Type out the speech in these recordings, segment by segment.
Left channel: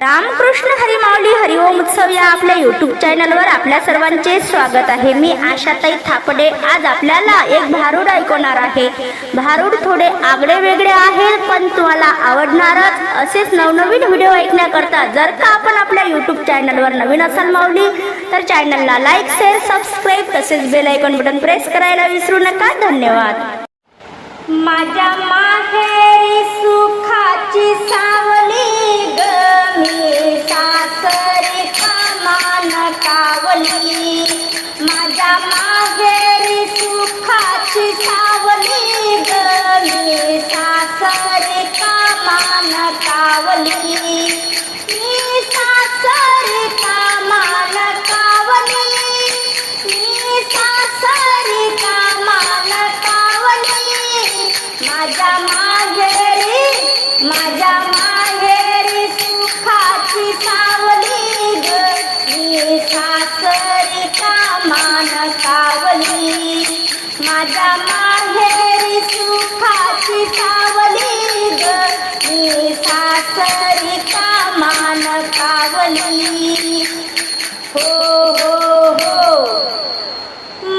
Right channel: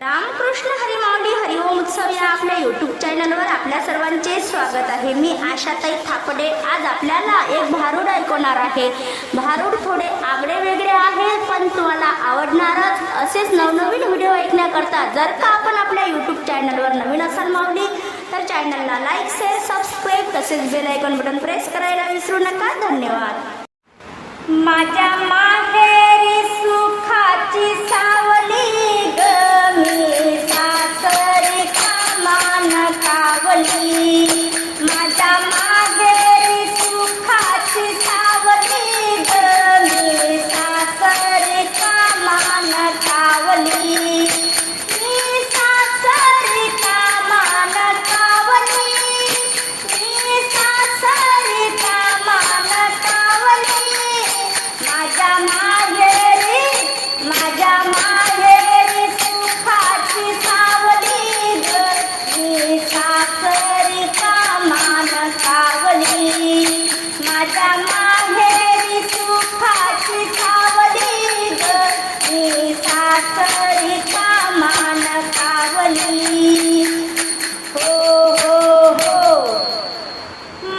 रामकृष्ण हरिमावली हरिओम उत्सव या आपल्या यूट्यूब चॅनलवर आपल्या सर्वांचे स्वागत आहे. मी आशाताई थापडे. आज आपल्याला एक भारूड ऐकवणार आहे. भारूड थोडे आगळे वेगळे आहे पण तुम्हाला आवडणारच असेच नवनवीन व्हिडिओ ऐकण्याकरता जर का आपण आपल्या यूट्यूब चॅनलवर नवीन असाल माऊली तर चॅनलला लाईक शेअर सबस्क्राईब तसेच बेल आयकॉन बटन प्रेस करायला विसरू नका. धन्यवाद. माझ्या माहेरी सुखाची सा ग मी सासरी कामान कावली माझ्या सुखाची सावली ग मी सासरी कामान कावली मी सासरी माझ्या माहेरी सुखाची सावली ग. मी सासरी कामान कावली हो हो हो.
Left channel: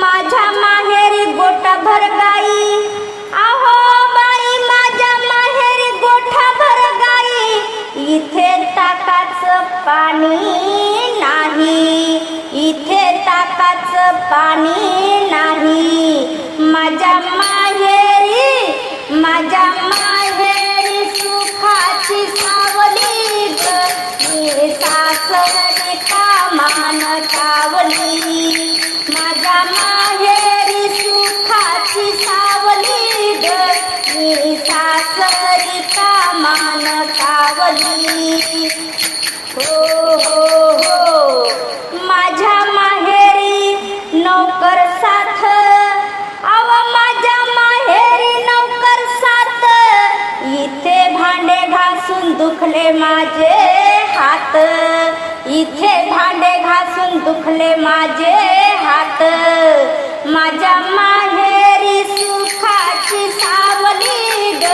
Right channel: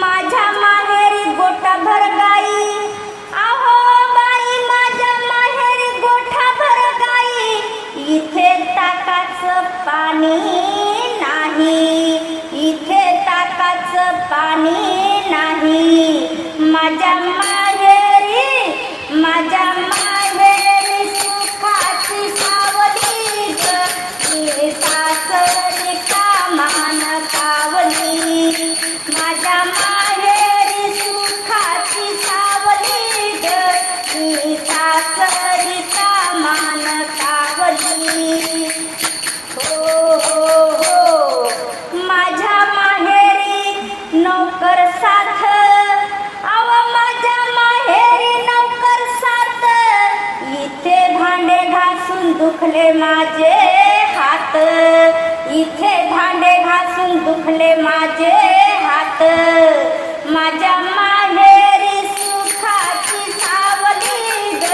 माझ्या माहेरी गोटा भरगाई. आहो बाई माझ्या माहेरी गोठा भरगाई. इथे ताकाचं पाणी नाही. इथे हाताच पाणी नाही. माझ्या माहेरी माझ्या माहेरी सुखाची सावली ग सासरी कामान सावली. माझ्या माहेरी सुखाची सावली ग सासरी कामान सावली. नौकर साथ। आव माझ्या माहेरी नौकर साथ। इथे भांडे घासून दुखले माझे हात। इथे भांडे घासून दुखले माझे हात। माझ्या माहेरी सुखाची सावली ग।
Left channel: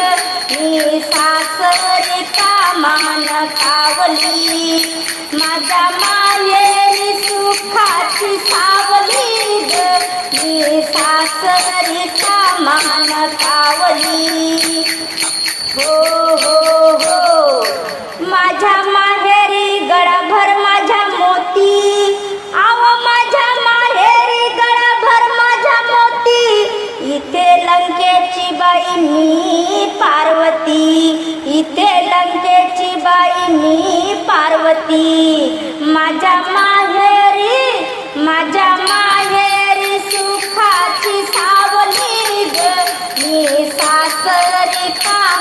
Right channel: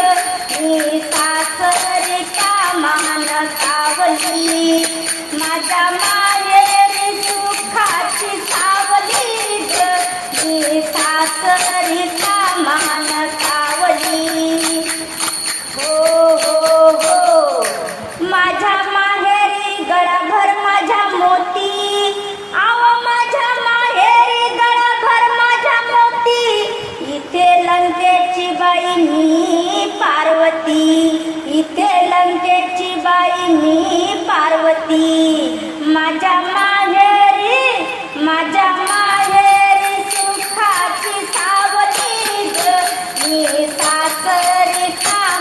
मी सासरी कामान सावली माझ्या माहेरी सासरी मान कावली हो हो हो. माझ्या माहेरी गडाभर माझ्या मोती. आव माझ्या माहेरी गडाभर माझ्या मोती. इथे लंकेची बाई मी पार्वती. इथे लंकेची बाई मी पार्वती. माझ्या माहेरी माझ्या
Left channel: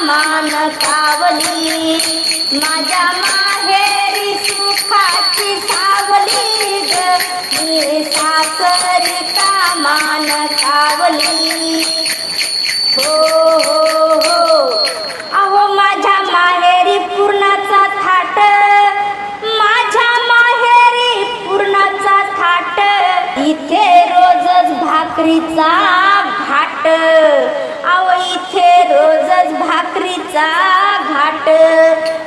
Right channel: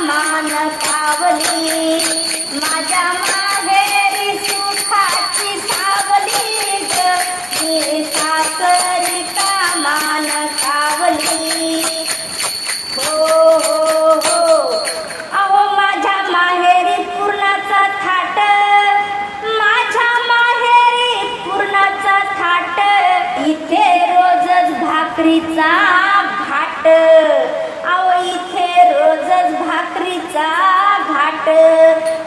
मान सावली. माझ्या माहेरी सुखाची सावली ग. मी सासरी कामान हो हो हो. अहो माझ्या माहेरी पूर्णाचा थाट. माझ्या माहेरी पूर्णाचा थाट. इथे रोजच भाकरीचा भाट. आवळीचे रोजच भाकरीचा घाट.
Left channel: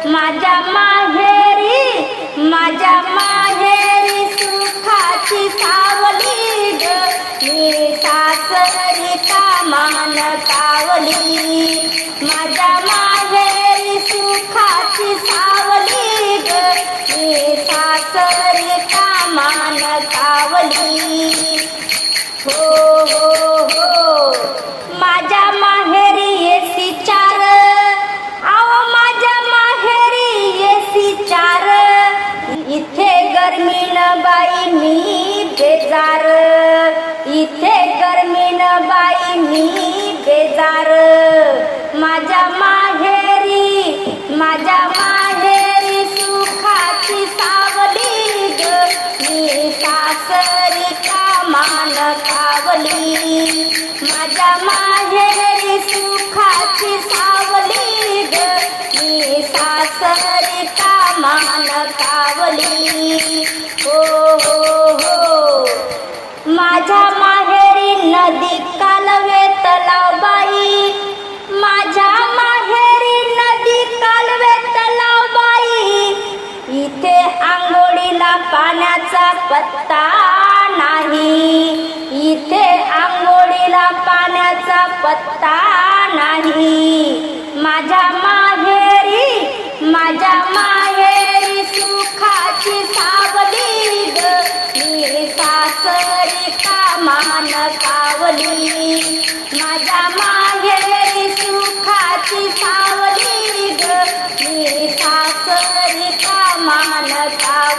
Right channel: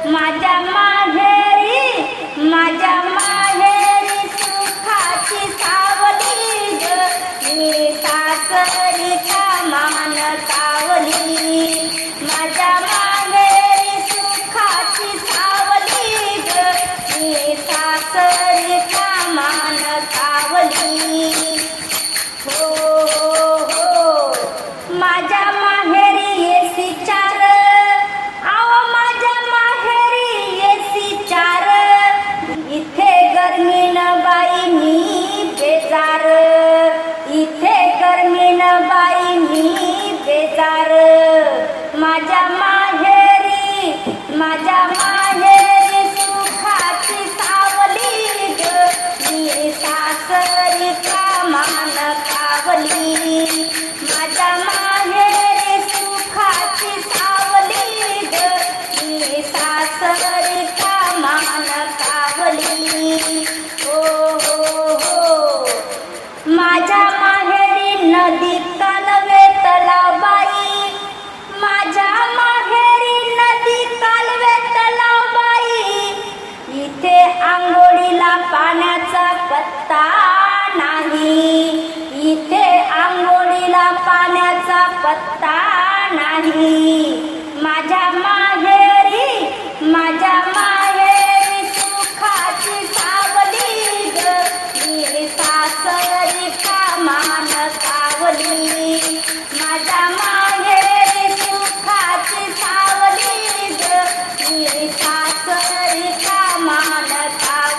माझ्या माहेरी माझ्या माहेरी सुखाची सावली ग. मी सासरी कामान बेजार इथे गर्मीन बाई मी बेजार. माझ्या माहेरी माझ्या माहेरी सुखाची सावली ग. मी सासरी कामान कावली माझ्या माहेरी सुखाची सावली ग. मी सासरी कामान कावली हो हो हो. माझ्या माहेरी नदी कालवे तलाबाई माझ्या माहेरी नदी कालवे तलाबाई पाण्याचा पत्ता नाही. इथे आंघोळीला पाण्याचा पत्ता नाही. माझ्या माहेरी माझ्या मा